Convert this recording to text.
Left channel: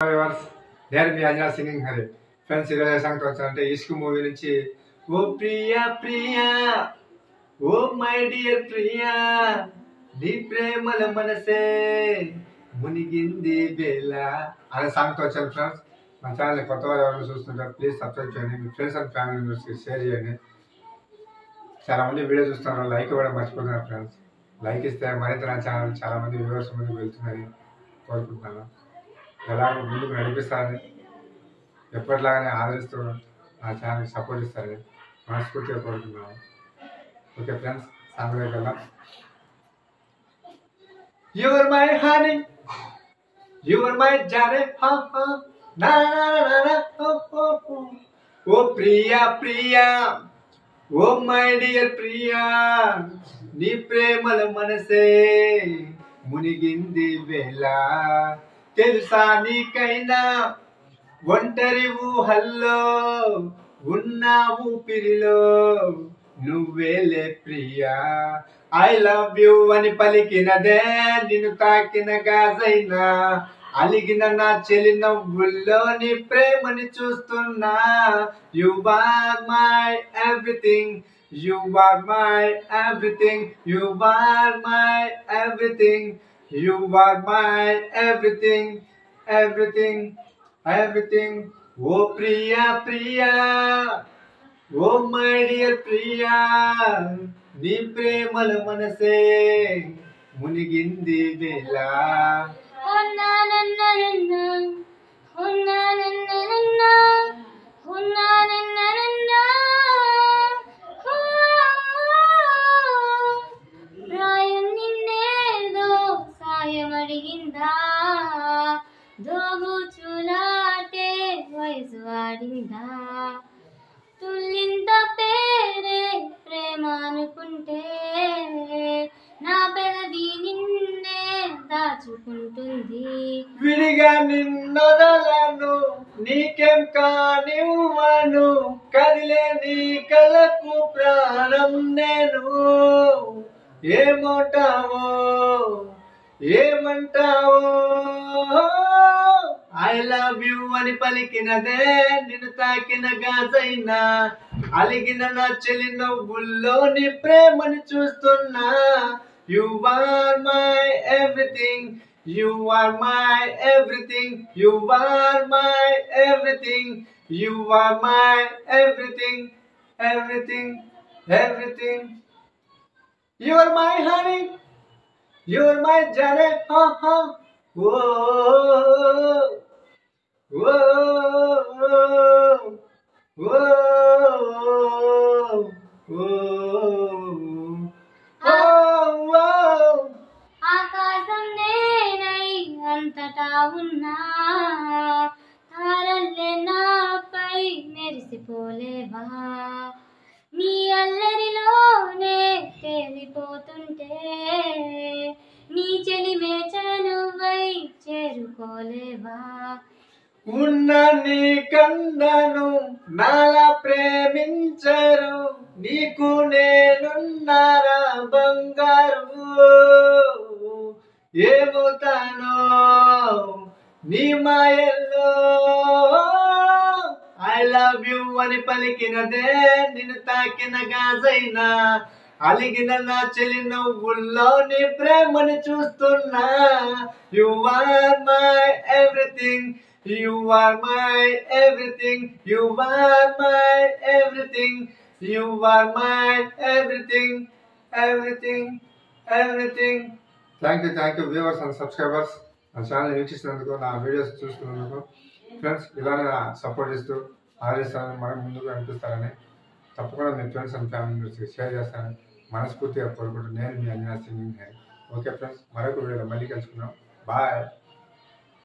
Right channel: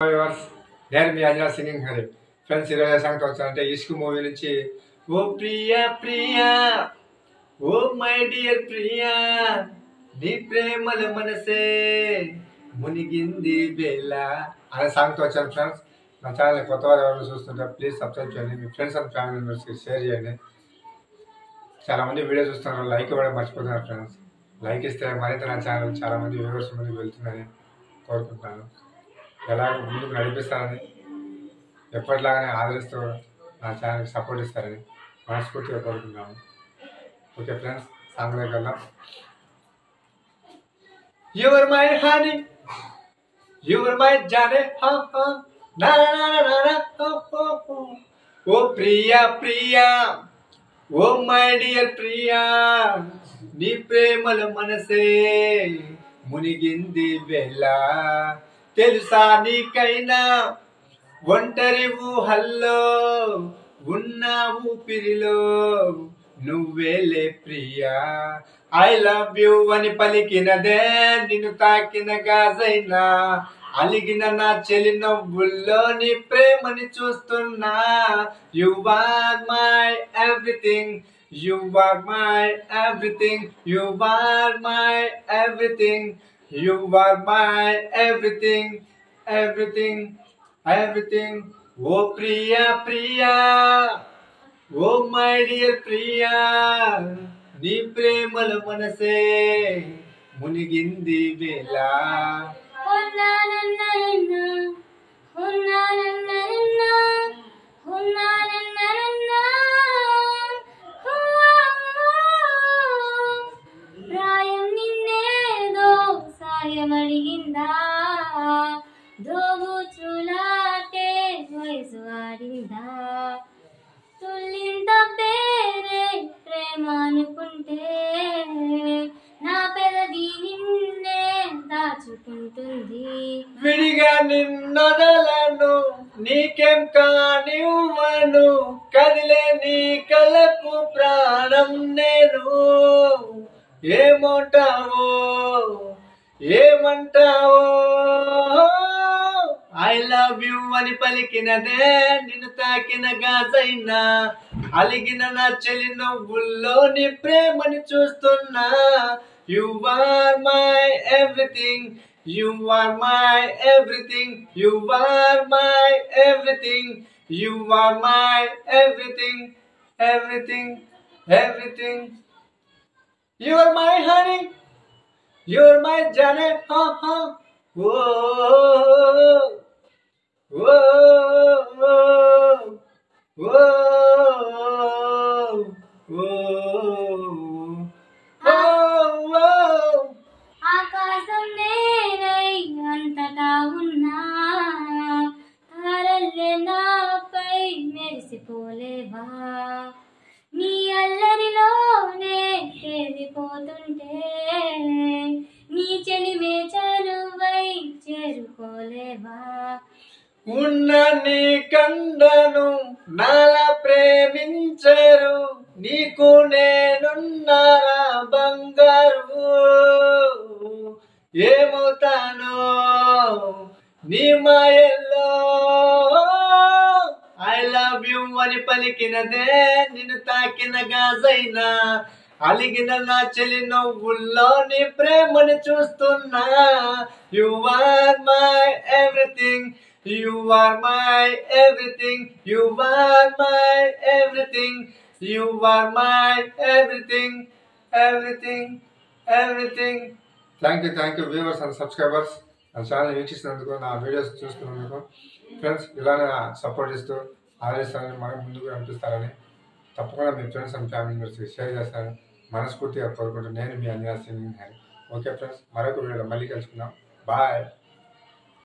Viewers, నేను మీ Anjana singing Hari. Friends, ఈరోజు సంగతి వచ్చానంటే ఇష్క్ మూవీ నుంచి ఓ ప్రియా ప్రియా ఓ మై డియర్ ప్రియా నీ ప్రేమల మనసే మునిగింది వేళ అనే సాంగ్తో వచ్చాను. ఫ్రెండ్స్, మా ఛానల్ కొత్త వారు ఎవరైనా చూస్తుంటే ప్లీజ్ సబ్స్క్రైబ్ చేయండి, మీ ఫ్రెండ్స్ అండ్ ఫ్యామిలీ మెంబర్స్కి షేర్ చేయండి. చాలామంది వీడియో చూస్తున్నారు, లైక్ ఇవ్వడం మర్చిపోతున్నారు. ఫ్రెండ్స్, లైక్ ఇస్తే మరింత నా ఛానల్ చాలామంది వ్యూవర్స్ ముందుకు వెళ్తుందని కోరుకుంటున్నాను. ఎలా ముందుకు నడిపిస్తారని, ఎప్పటిలాగానే ఆదరిస్తూ నా ఛానల్కి సపోర్ట్ ఇస్తారని మనస్ఫూర్తిగా కోరుకుంటున్నాను. ఓకే ఫ్రెండ్స్, సాంగ్లోకి వెళ్దాం. You are my honey, you are my jane, ha ha, na na na na, ho ho ho. Oh Priya Priya, oh my dear Priya, నీ ప్రేమల మనసే మునిగింది వేళ. తెలుసా నీకైనా ఒంటరి ఊహల్లో ఉన్న ఊపిరిలో నువ్వేలే ప్రియా. ఐ లవ్ యూ అని పలికినదే నిన్ను తాకిన గాజైనా, అలిగిన నా చెలి నవ్వుల్లో నీ ప్రేమని చూస్తున్నా. You are my everything, you are my everything, you are my everything, you are my everything, everything, everything. Oh Priya Priya, oh my dear Priya, నీ ప్రేమల మనసే మునిగింది వేళ. అడిగిందా దోబుచులాటే వయసు ఆడిందా, తుల్లింత పేరే ప్రేమ అనుకుంటే నా పెదవి నిన్నే దాచుకుంటుంది. విడిగా నిన్నొదలను నీకేం కానివ్వను, కదిలే నీ కలకు ప్రాణం నేను. ఏమంటావో ఏమంటావో ఐ లవ్ యూ అని పలికినదే నిన్ను తాకిన గాజైనా, అలిగిన నా చెలి నవ్వుల్లో నీ ప్రేమని చూస్తున్నా. You are my everything, you are my everything, you are my everything, you are my everything, everything, everything. You are my honey, you're my jane, ha ha. Whoa, whoa, whoa, whoa. ఆకాశం నేనై అంతటా ఉన్నా, తారల్లే నాపై మెరిసిపోలేవా. నీ అల్లరిలోనే తేలిపోతుంటే నీ చెలిమే చనువై చేరుకోలేవా. ఉన్న నీ కండను నాలా ప్రేమించరు, నీకు నేనున్నారా బంగారు. ఏమవుతానో నీ మాయల్లో, ఐ లవ్ యూ అని పలికినదే నిన్ను తాకిన గాజైనా, అలిగిన నా చెలి నవ్వుల్లో నీ ప్రేమని చూస్తున్నా. You are my everything, you are my everything, you are my everything, you are my everything, everything, everything. Thank you viewers and subscribers, నా ఛానల్ వీక్షిస్తున్నందుకు, నా వీడియోస్ చూస్తున్నందుకు. ఫ్రెండ్స్, ఇలానే సపోర్ట్ ఇస్తూ ఆదరిస్తారని, మనం ముందుకు అనిపిస్తారని, తప్పకుండా మీ ఫ్రెండ్స్ అండ్ ఫ్యామిలీ మెంబర్స్కి షేర్ చేస్తారని మనస్ఫూర్తిగా కోరుకుంటూ నేను మీ Anjana singing Hari. Okay friends, మరొక వీడియోలో మళ్ళీ కలుసుకుందాం. బాయ్.